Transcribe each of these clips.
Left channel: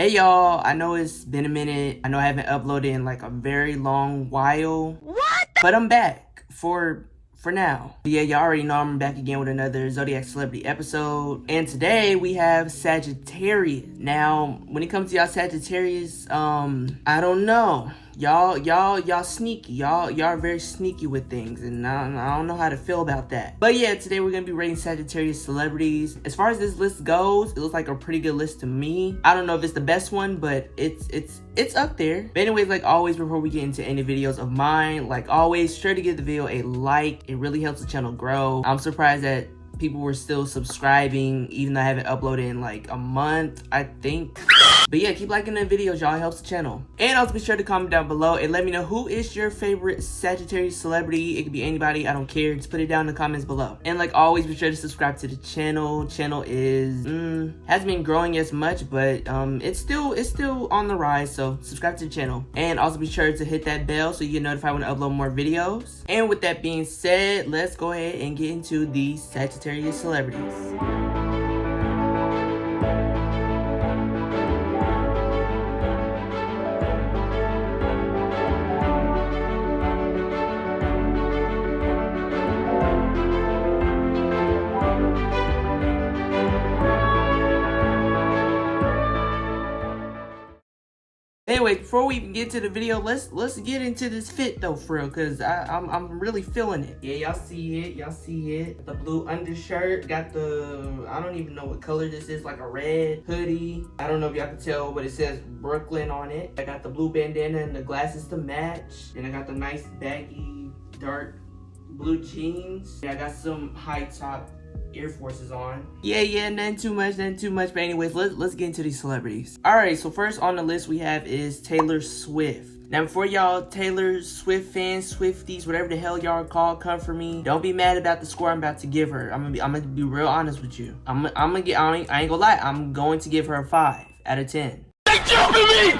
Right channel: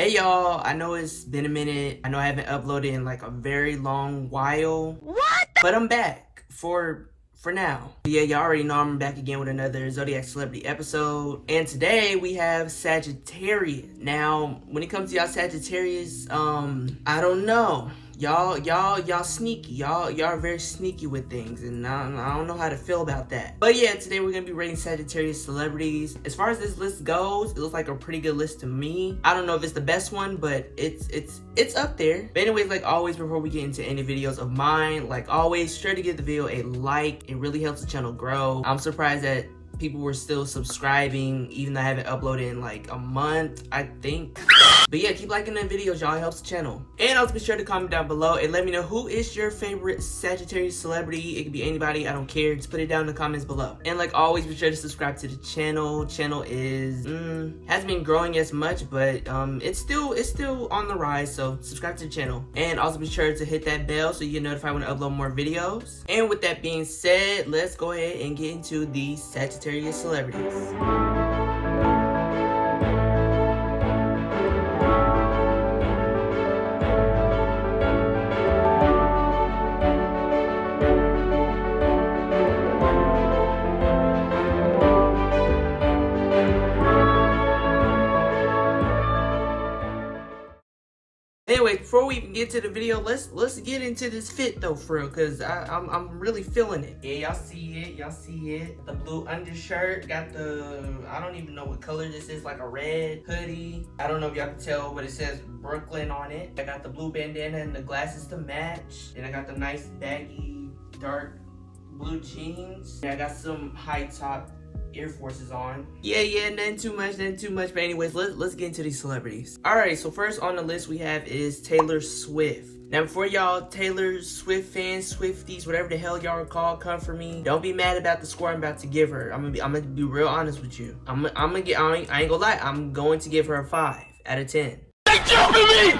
Hey y'all, I know it's been a minute. I know I haven't uploaded in like a very long while. What? But I'm back for now. Yeah, y'all already know I'm back again with another Zodiac Celebrity episode. And today we have Sagittarius. Now, when it comes to y'all Sagittarius, I don't know. Y'all sneaky. Y'all are very sneaky with things, and I don't know how to feel about that. But yeah, today we're gonna be rating Sagittarius celebrities. As far as this list goes, it looks like a pretty good list to me. I don't know if it's the best one, but it's up there. But anyways, like always, before we get into any videos of mine, like always, sure to give the video a like. It really helps the channel grow. I'm surprised that people were still subscribing, even though I haven't uploaded in like a month, I think. But yeah, keep liking the videos, y'all. It helps the channel. And also be sure to comment down below and let me know who is your favorite Sagittarius celebrity. It could be anybody, I don't care. Just put it down in the comments below. And like always, be sure to subscribe to the channel. Channel is hasn't been growing as much, but it's still on the rise. So subscribe to the channel. And also be sure to hit that bell so you get notified when I upload more videos. And with that being said, let's go ahead and get into the Sagittarius celebrities. Anyway, before we even get to the video, let's get into this fit though, for real, cause I'm really feeling it. Yeah, y'all see it. The blue undershirt, got the, I don't even know what color this is, like a red hoodie. I don't know if y'all can tell, but it says Brooklyn on it. I got the blue bandana and the glasses to match. Then I got the nice baggy dark blue jeans. Yeah, I got some high top Air Forces on. Yeah, nothing too much. But anyways, let's get into these celebrities. Alright, so first on the list we have is Taylor Swift. Now, before y'all Taylor Swift fans, Swifties, whatever the hell y'all are called, come for me. Don't be mad about the score I'm about to give her. I'm gonna be real honest with you. I ain't gonna lie. I'm going to give her a 5 out of 10. They jumping me!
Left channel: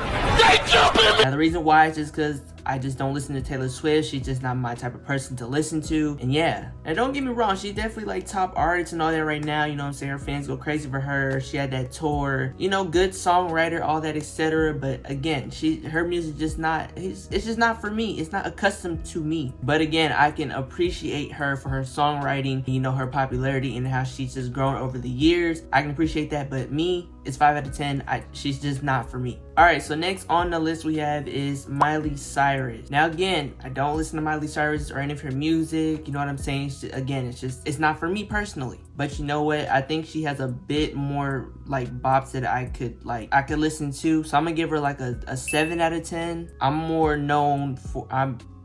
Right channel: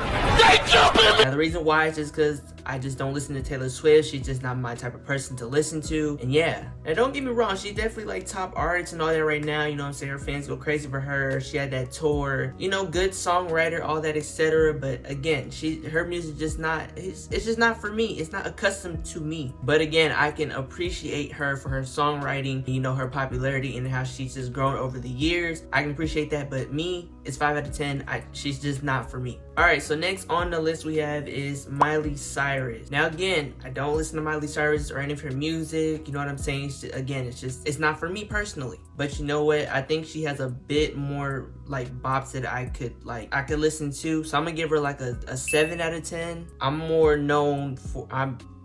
Now, the reason why is just because I just don't listen to Taylor Swift. She's just not my type of person to listen to. And yeah, now don't get me wrong, she's definitely like top artist and all that right now. You know what I'm saying? Her fans go crazy for her. She had that tour, you know, good songwriter, all that, etc. But again, her music just not, it's just not for me. It's not accustomed to me. But again, I can appreciate her for her songwriting, you know, her popularity and how she's just grown over the years. I can appreciate that, but me, it's 5 out of 10. She's just not for me. All right, so next on the list we have is Miley Cyrus. Now again, I don't listen to Miley Cyrus or any of her music. You know what I'm saying? It's not for me personally. But you know what? I think she has a bit more like bops that I could listen to. So I'm gonna give her like a 7 out of 10. I'm more known for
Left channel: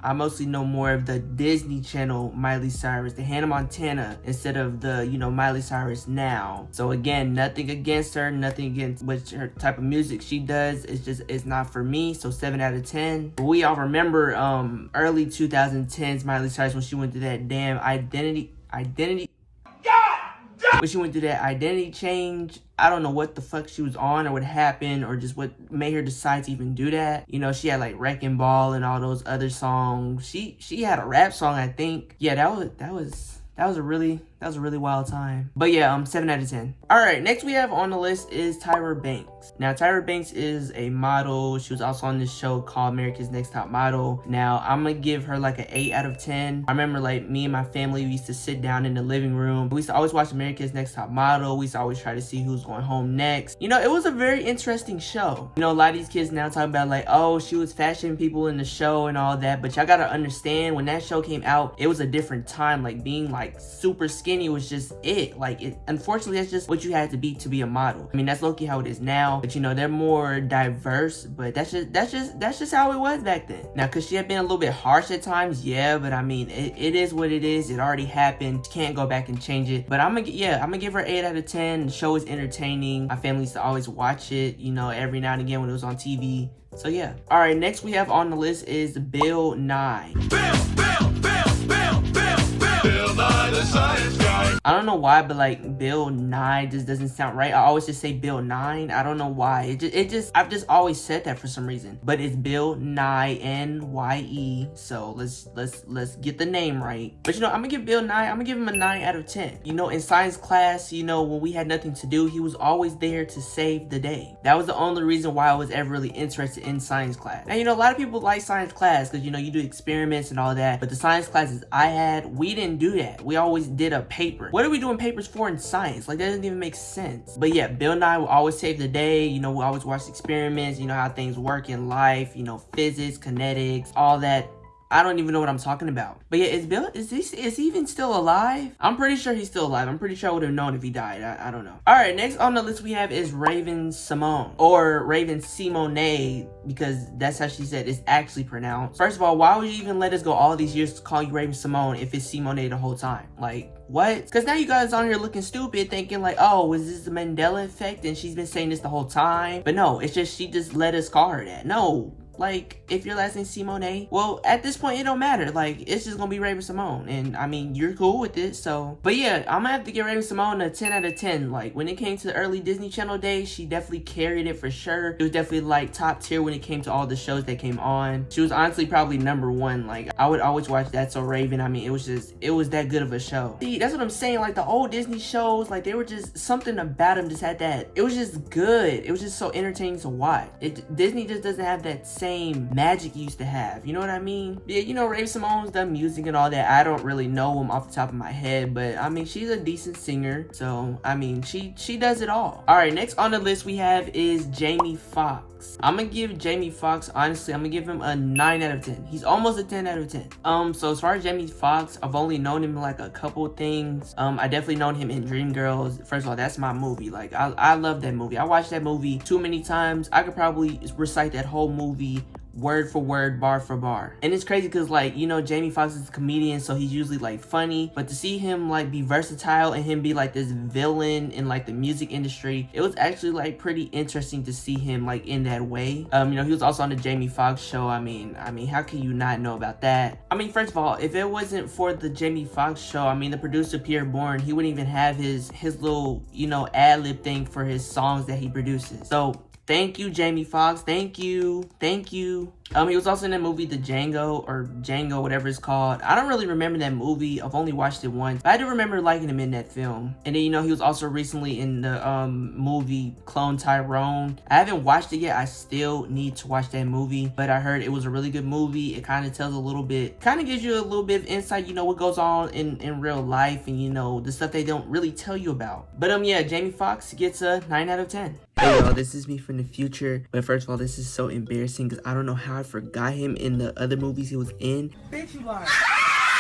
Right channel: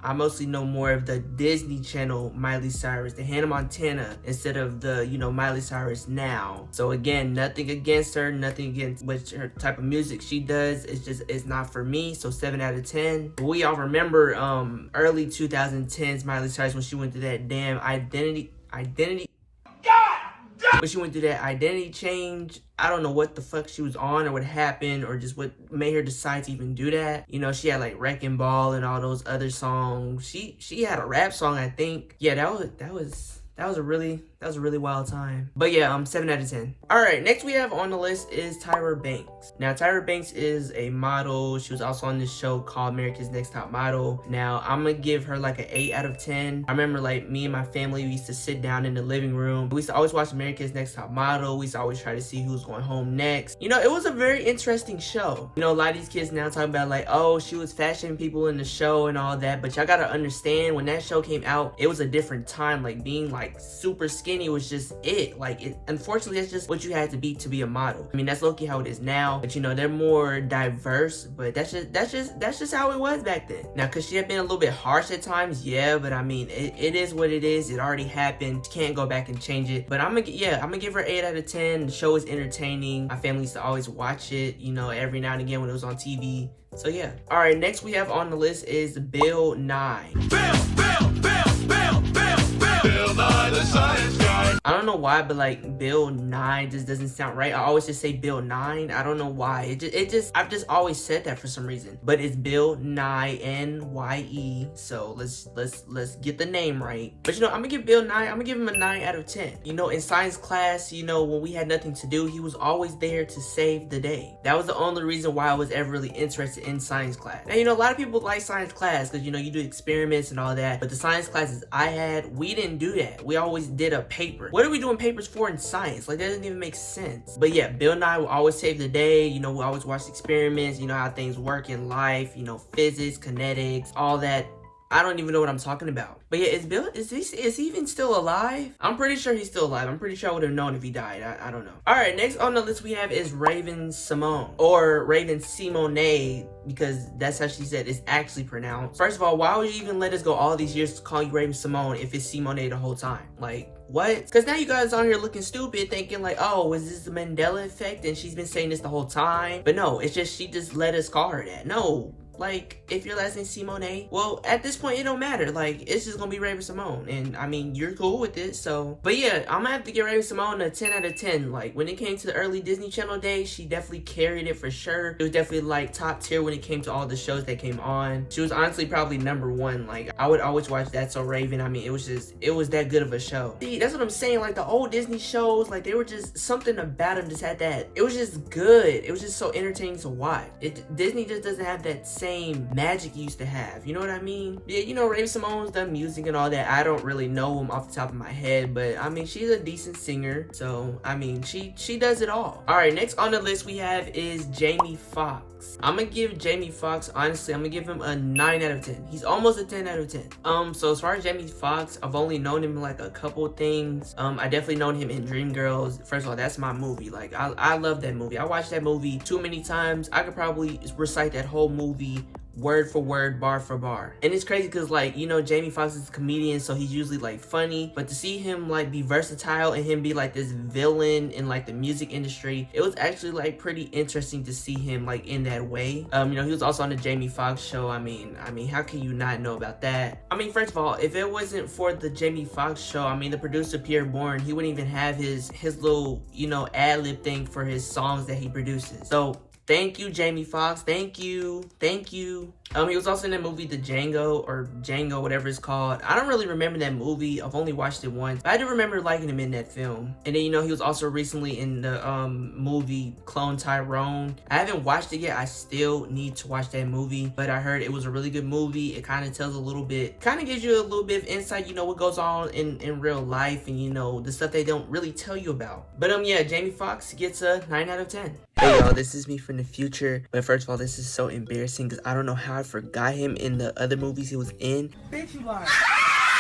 I mostly know more of the Disney Channel Miley Cyrus, the Hannah Montana, instead of the, you know, Miley Cyrus now. So again, nothing against her, nothing against what her type of music she does. It's not for me. So 7 out of 10. We all remember early 2010s Miley Cyrus when she went through that damn identity. When she went through that identity change, I don't know what the fuck she was on or what happened or just what made her decide to even do that. You know, she had like Wrecking Ball and all those other songs. She had a rap song, I think. Yeah, that was a really wild time. But yeah, 7 out of 10. All right, next we have on the list is Tyra Banks. Now, Tyra Banks is a model. She was also on this show called America's Next Top Model. Now, I'm gonna give her like an 8 out of 10. I remember like me and my family, we used to sit down in the living room. We used to always watch America's Next Top Model. We used to always try to see who's going home next. You know, it was a very interesting show. You know, a lot of these kids now talking about like, oh, she was fashion people in the show and all that. But y'all gotta understand, when that show came out, it was a different time. Like being like super skinny was just it. Like, unfortunately, that's just what you had to be a model. I mean, that's low-key how it is now, but you know, they're more diverse, but that's just how it was back then. Now, because she had been a little bit harsh at times, yeah, but I mean, it is what it is. It already happened. Can't go back and change it. But I'm gonna give her 8 out of 10. The show is entertaining. My family used to always watch it, you know, every now and again when it was on TV. So yeah. All right, next we have on the list is Bill Nye. Bill. Bill Nye the Science Guy. I don't know why, but like Bill Nye just doesn't sound right. I always just say Bill 9. I don't know why. I've just always said that for some reason. But it's Bill Nye, N-Y-E. So let's get the name right. But you know, I'm gonna give Bill Nye, I'm gonna give him a 9 out of 10. You know, in science class, you know, when we had nothing to do, he was always there to save the day. That was the only reason why I was ever really interested in science class. And you know, a lot of people like science class because you know, you do experiments and all that. But the science classes I had, we didn't do that. We always did a paper. What are we doing papers for in science? Like, that doesn't even make sense. But yeah, Bill Nye will always save the day. You know, we always watch experiments, you know, how things work in life, you know, physics, kinetics, all that. I don't even know what I'm talking about. But yeah, is he even still alive? I'm pretty sure he's still alive. I'm pretty sure I would have known if he died. I don't know. All right, next on the list we have is Raven Simone, or Raven Simone, because that's how she said it's actually pronounced. First of all, why would you even let us go all these years to call you Raven Simone if it's Simone the whole time? Like, what? Because now you guys on here looking stupid, thinking like, oh, is this the Mandela effect and she's been saying this the whole time? But no, it's just she just let us call her that. No. Like, if your last name's Simone, well, at this point, it don't matter. Like, it's just gonna be Raven Simone. And, I mean, you're cool with it, so. But yeah, I'm gonna have to give Raven Simone a 10 out of 10. Like, when it came to the early Disney Channel days, she definitely carried it for sure. It was definitely, like, top tier when it came to all the shows that came on. She was honestly probably #1. Like, I would always watch That's So Raven. I mean, it was that good of a show. See, that's what I'm saying. Like, the old Disney shows, like, they were just, something about them just had that. It was just good. It was just so entertaining to watch. Disney just doesn't have that same magic it used to have, you know what I mean? Yeah, you know, Raven Simone's done music and all that. I don't really know them off the top of my head, but I mean, she's a decent singer, so I mean, she does it all. All right, next on the list we have is Jamie Foxx. I'm gonna give Jamie Foxx, honestly, I'm gonna give him a 9 out of 10. He's almost a 10 out of 10. So as far as Jamie Foxx, I've only known him like a couple things. I definitely known him in Dreamgirls. First of all, that's my movie. Like, I love that movie. I watched that movie too many times. I could probably recite that whole movie word for word, bar for bar. And it's crazy because, like, you know, Jamie Foxx is a comedian, so he's usually like funny, but to see him like be versatile and him be like this villain in like the music industry, it was actually like pretty interesting to see him like in that way. You know, he was also on the Jamie Foxx show. I mean, how can you not know about that? I mean, first of all, if it wasn't for the Jamie Foxx show, I mean, the producer Pierre Bourne, he wouldn't even have his little, you know, ad-lib thing for his songs that he produces. So thank you, Jamie Foxx. Thank you. He was also in that movie, The Django, whatever it's called. I don't really remember that movie. I've only watched it once. But I do remember liking him in that film. And then, you know, he was also recently in the movie Clone Tyrone. I haven't watched it yet. I still need to watch that movie. But I heard it was a really good movie. It kind of tells a little bit, kind of gives you a little bit of insight, you know, what goes on in real life and, you know, the stuff they don't really tell you about. But yeah, Jamie Foxx gets a 9 out of 10. Hey y'all, this is me from the future. But first of all, this is so embarrassing because I don't know how I forgot him in the other movies he was in. Bitch, you lied.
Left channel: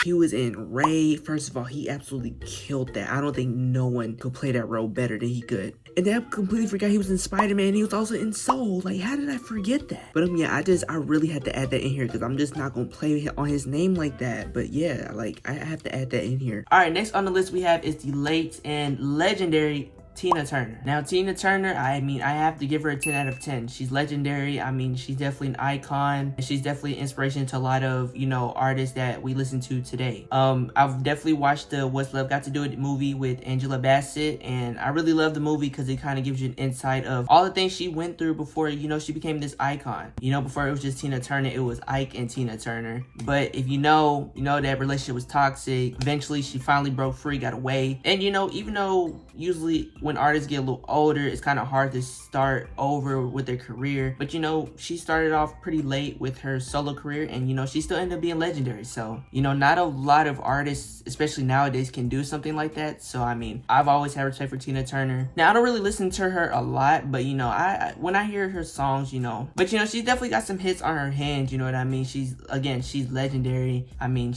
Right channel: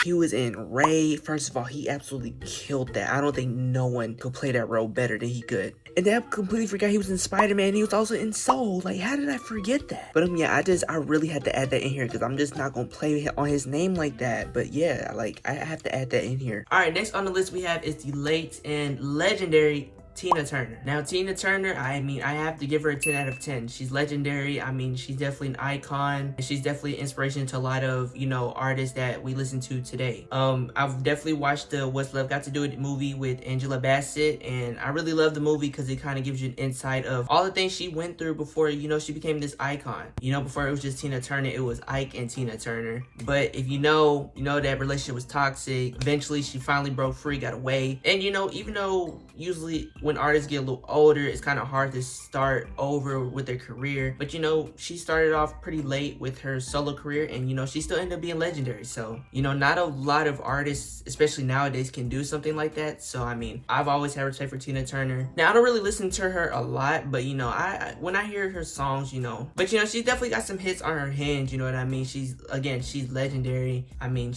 He was in Ray. First of all, he absolutely killed that. I don't think no one could play that role better than he could. And then I completely forgot he was in Spider-Man. He was also in Soul. Like, how did I forget that? But yeah, I really had to add that in here because I'm just not gonna play on his name like that. But yeah, like, I have to add that in here. All right, next on the list we have is the late and legendary Tina Turner. Now, Tina Turner, I mean, I have to give her a 10 out of 10. She's legendary. I mean, she's definitely an icon. She's definitely an inspiration to a lot of, you know, artists that we listen to today. I've definitely watched the What's Love Got to Do With It movie with Angela Bassett, and I really love the movie because it kind of gives you an insight of all the things she went through before, you know, she became this icon. You know, before it was just Tina Turner, it was Ike and Tina Turner. But if you know that relationship was toxic. Eventually, she finally broke free, got away. And, you know, even though usually when artists get a little older, it's kind of hard to start over with their career, but you know, she started off pretty late with her solo career, and you know, she still ended up being legendary. So, you know, not a lot of artists, especially nowadays, can do something like that. So I mean, I've always had respect for Tina Turner. Now, I don't really listen to her a lot, but you know, when I hear her songs, you know, but you know, she's definitely got some hits on her hands, you know what I mean? She's legendary. I mean,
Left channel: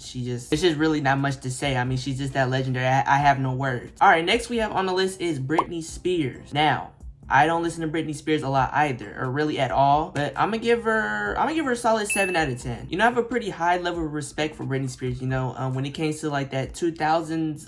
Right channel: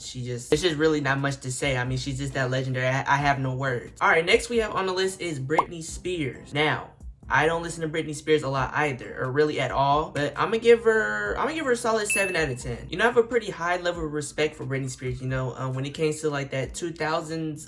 it's just really not much to say. I mean, she's just that legendary. I have no words. All right, next we have on the list is Britney Spears. Now, I don't listen to Britney Spears a lot either, or really at all, but I'm gonna give her a solid 7 out of 10. You know, I have a pretty high level of respect for Britney Spears, you know, when it came to like that 2000s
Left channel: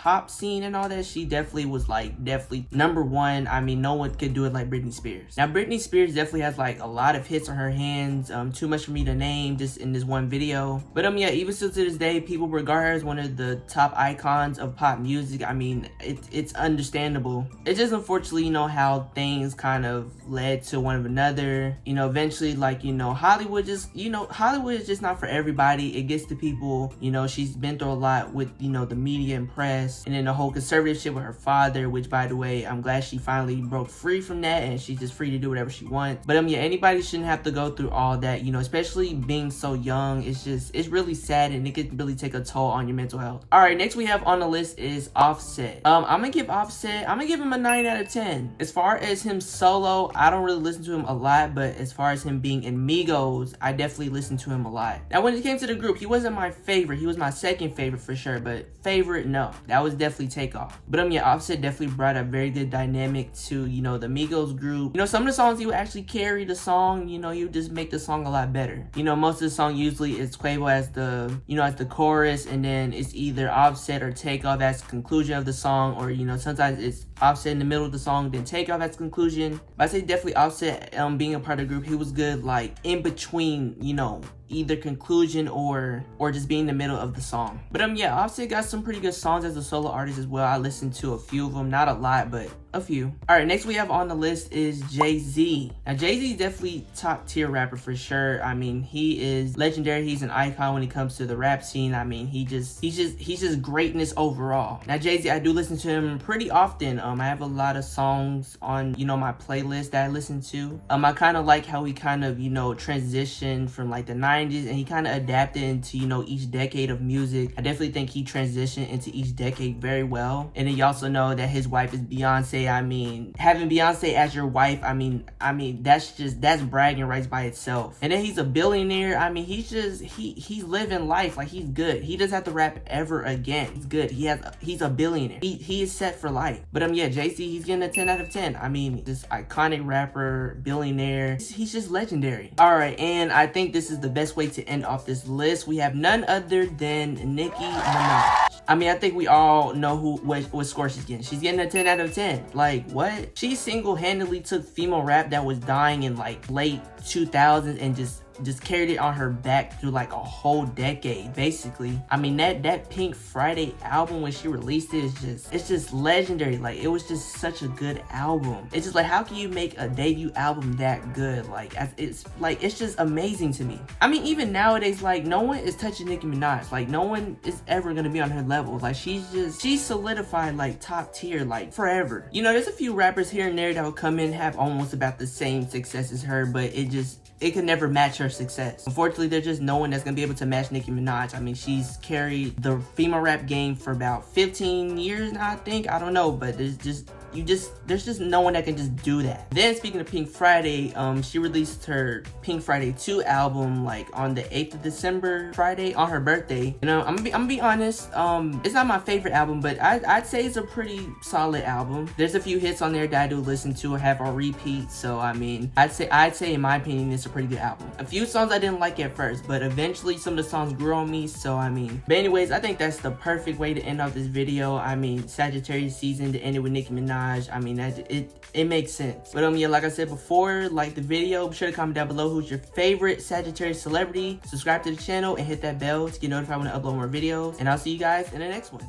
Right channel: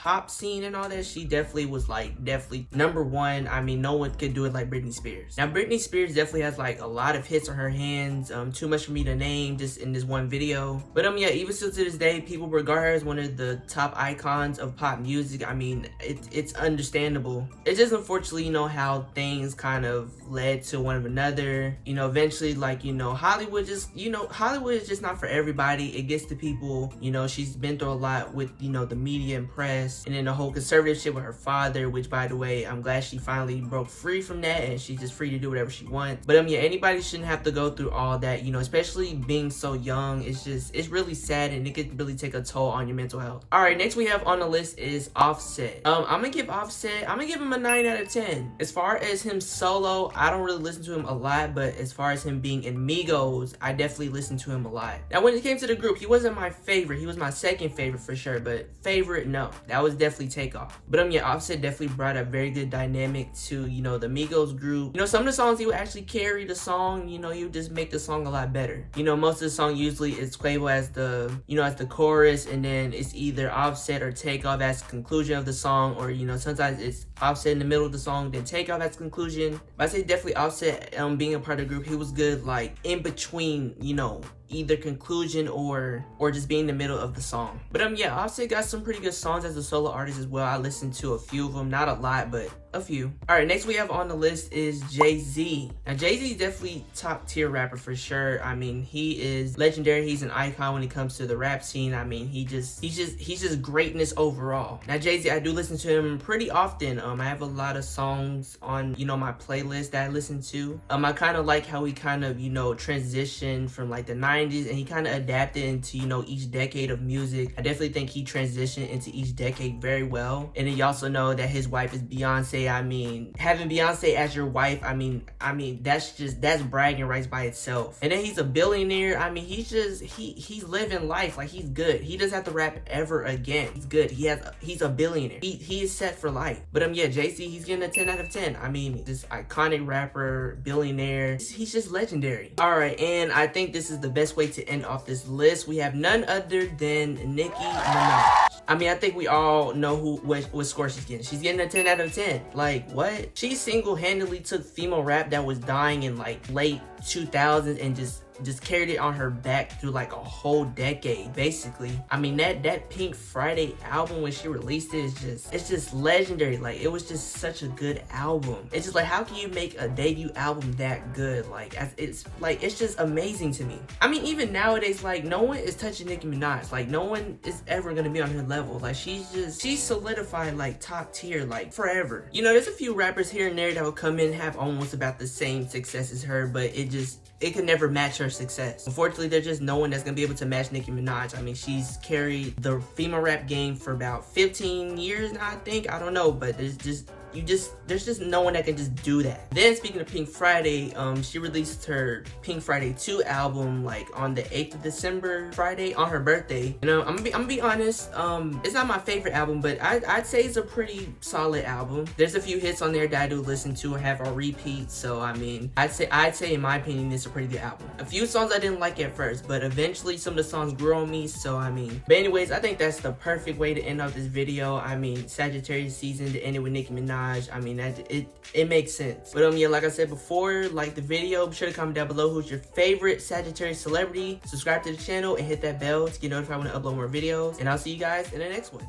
pop scene and all that, she definitely was like definitely #1. I mean, no one could do it like Britney Spears. Now Britney Spears definitely has like a lot of hits on her hands, too much for me to name just in this one video. But yeah, even still to this day, people regard her as one of the top icons of pop music. I mean, it's understandable. It's just unfortunately, you know, how things kind of led to one of another. You know, eventually, like, you know, Hollywood is just not for everybody. It gets to people, you know, she's been through a lot with, you know, the media and press, and then the whole conservative shit with her father, which, by the way, I'm glad she finally broke free from that and she's just free to do whatever she wants. But yeah, anybody shouldn't have to go through all that, you know, especially being so young. It's really sad, and it could really take a toll on your mental health. All right, next we have on the list is Offset. I'm gonna give him a 9 out of 10. As far as him solo, I don't really listen to him a lot, but as far as him being in Migos, I definitely listen to him a lot. Now, when it came to the group, he wasn't my favorite. He was my second favorite for sure, but favorite, no. That was definitely Takeoff. But yeah, Offset definitely brought a very good dynamic to, you know, the Migos group. You know, some of the songs he would actually carry the song, you know, he would just make the song a lot better. You know, most of the song usually is Quavo as the, you know, as the chorus, and then it's either Offset or Takeoff as the conclusion of the song, or, you know, sometimes it's Offset in the middle of the song, then Takeoff as conclusion. But I say definitely Offset, being a part of the group, he was good like in between, you know, either conclusion or just being in the middle of the song. But yeah, Offset got some pretty good songs as a solo artist as well. I listened to a few of them, not a lot, but a few. All right, next we have on the list is Jay-Z. Now Jay-Z is definitely top tier rapper for sure. I mean, he is legendary. He's an icon when it comes to the rap scene. I mean, he's just greatness overall. Now Jay-Z, I do listen to him pretty often. I have a lot of songs on, you know, my playlist that I listen to. I kind of like how he kind of, you know, transitioned from like the 90s, and he kind of adapted into, you know, each decade of music. I definitely think he transitioned into each decade very well. And then you also know that his wife is Beyonce. I mean, having Beyonce as your wife, I mean that's bragging rights by itself. And then he's a billionaire. I mean, he's living life like he's good. He doesn't have to rap ever again. He's good. He's a billionaire. He is set for life. But yeah, Jay-Z, he's getting a 10 out of 10. I mean, this iconic rapper, billionaire. He's just legendary. All right, and I think this is the best way to end off this list. We have none other than Nicki Minaj. I mean, I think we all know what score she's getting. She's getting a 10 out of 10. Like, what? She single-handedly took female rap that was dying in like late 2000s and just carried it on her back through like a whole decade, basically. I mean, that Pink Friday album when she released it it's just legendary. Like, it was just such a good album. It's just like, how can you make a debut album that good? Like, it's just amazing to me. I mean, even nowadays, like, no one is touching Nicki Minaj. Like, no one is ever gonna be on her level. Like, she's solidified like top tier, like forever. You know, there's a few rappers here and there that will come in and have almost about the same success as her, but it could never match her success. Unfortunately, there's just no one that's gonna be able to match Nicki Minaj. I mean, she's carried the female rap game for about 15 years now, I think. I don't know, but there's just no one that can just do that. Then speaking of Pink Friday, she released her Pink Friday 2 album like on the 8th of December, Friday, on her birthday. You know, I'm gonna be honest, it's not my favorite album, but I'd say it's a pretty solid album. There's a few hits on there that I do listen to or have on repeat, so I mean, I'd say in my opinion, it's a pretty good album. A few songs I didn't like at first, but eventually some of the songs grew on me, so I mean. But anyways, I think that's the perfect way to end off this video. I mean, Sagittarius season to end it with Nicki Minaj. I mean, it makes sense. But yeah, like I said before, like the video, be sure to comment down below who's your favorite Sagittarius celebrity. Subscribe to the channel and hit that bell to get notified when I upload more videos. And I'll see you guys in the next one.